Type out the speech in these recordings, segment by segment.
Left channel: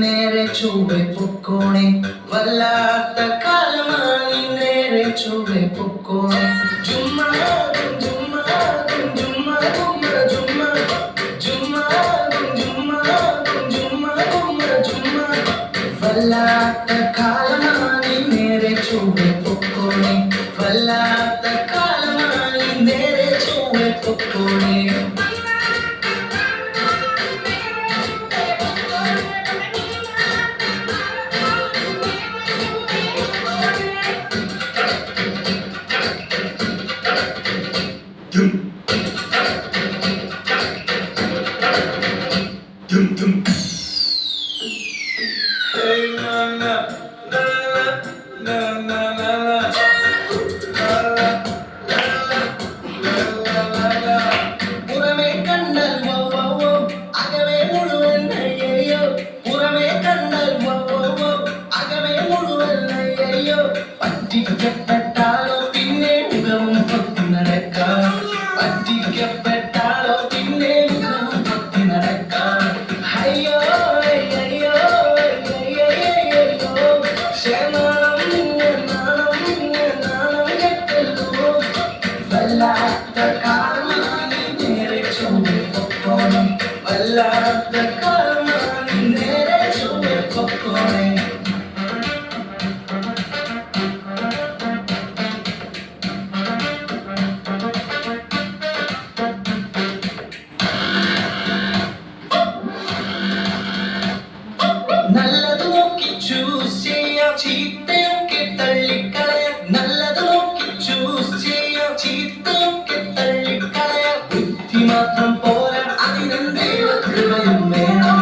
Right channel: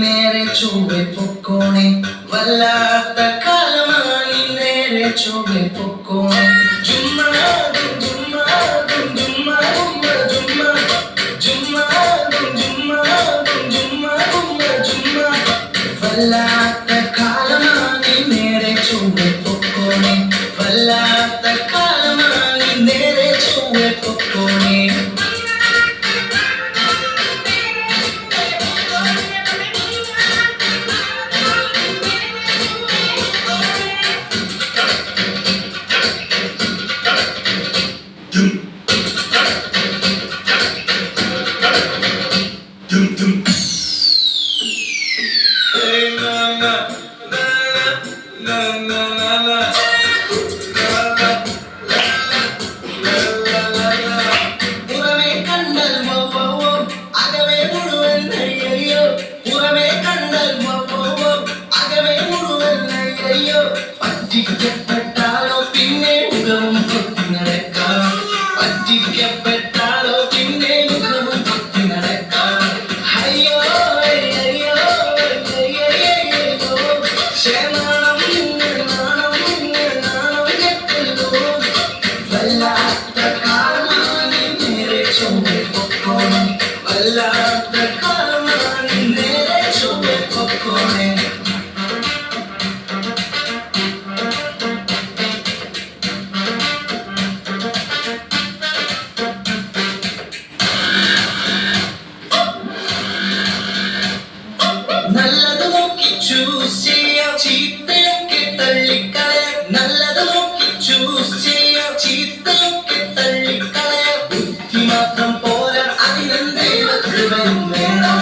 നേരെ ചൊവ്വെ പൊക്കോണേ വല്ലാത്ത കാലമായി നേരെ ചൊവ്വെ പൊക്കോണേ ജുമ്മാതും ജുമ്മാതും ജുമ്മാതും ജുമ്മാ ജുമ്മാതും ജുമ്മാതും ജുമ്മാതും ജുമ്മാ വല്ലാത്ത കാലമായി നേരെ ചൊവ്വെ പൊക്കോണേ വല്ലാത്ത കാലമായി നേരെ ചൊവ്വെ പൊക്കോണേ പുറമേ കണ്ടാൽ അകവേ മുഴുവൻ അയ്യോ പുറമേ കണ്ടാൽ അകവേ മുഴുവൻ അയ്യോ പറ്റിക്കപ്പെട്ടാലോ പിന്നെ മുഖവും പൊത്തി നടക്കാം പറ്റിക്കപ്പെട്ടാലോ പിന്നെ മുഖവും പൊത്തി നടക്കാം അയ്യോ അയ്യോ അയ്യോ ക്ഷമാണം കെട്ടല്ലോ വല്ലാത്ത കാലമാണ് നേരെ ചൊവ്വെ പൊക്കോണേ വല്ലാത്ത കാലമാണ് നേരെ ചൊവ്വെ പൊക്കോണേ നല്ലത് നോക്കി ചൂസ് ചെയ്യാം ചീത്തയൊക്കെ തള്ളിക്കളയാം നല്ലത് നോക്കി ചൂസ് ചെയ്യാം ചീത്തയൊക്കെ തള്ളിക്കളയാം ബുദ്ധി മാത്രം പോരാ അതിന് ദൈവകൃപയും വേണം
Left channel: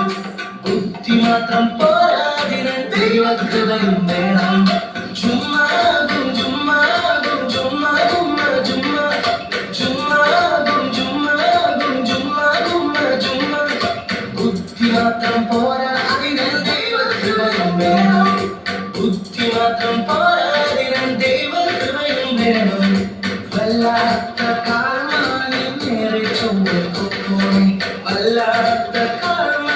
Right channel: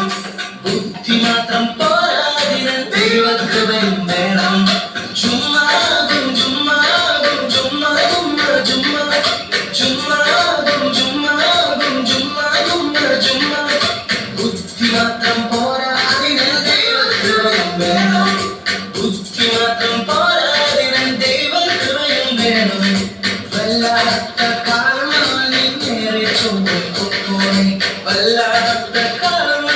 ബുദ്ധി മാത്രം പോരാ അതിന് ദൈവകൃപയും വേണം ചുമ്മാതും ചുമ്മാതും ചുമ്മാതും ചുമ്മാ ചുമ്മാതും ചുമ്മാതും ചുമ്മാതും ചുമ്മാ ബുദ്ധി മാത്രം പോരാ അതിന് ദൈവകൃപയും വേണം ബുദ്ധി മാത്രം പോരാ അതിന് ദൈവകൃപയും വേണം വല്ലാത്ത കാലമാണ് നേരെ ചൊവ്വെ പൊക്കോണേ വല്ലാത്ത കാലം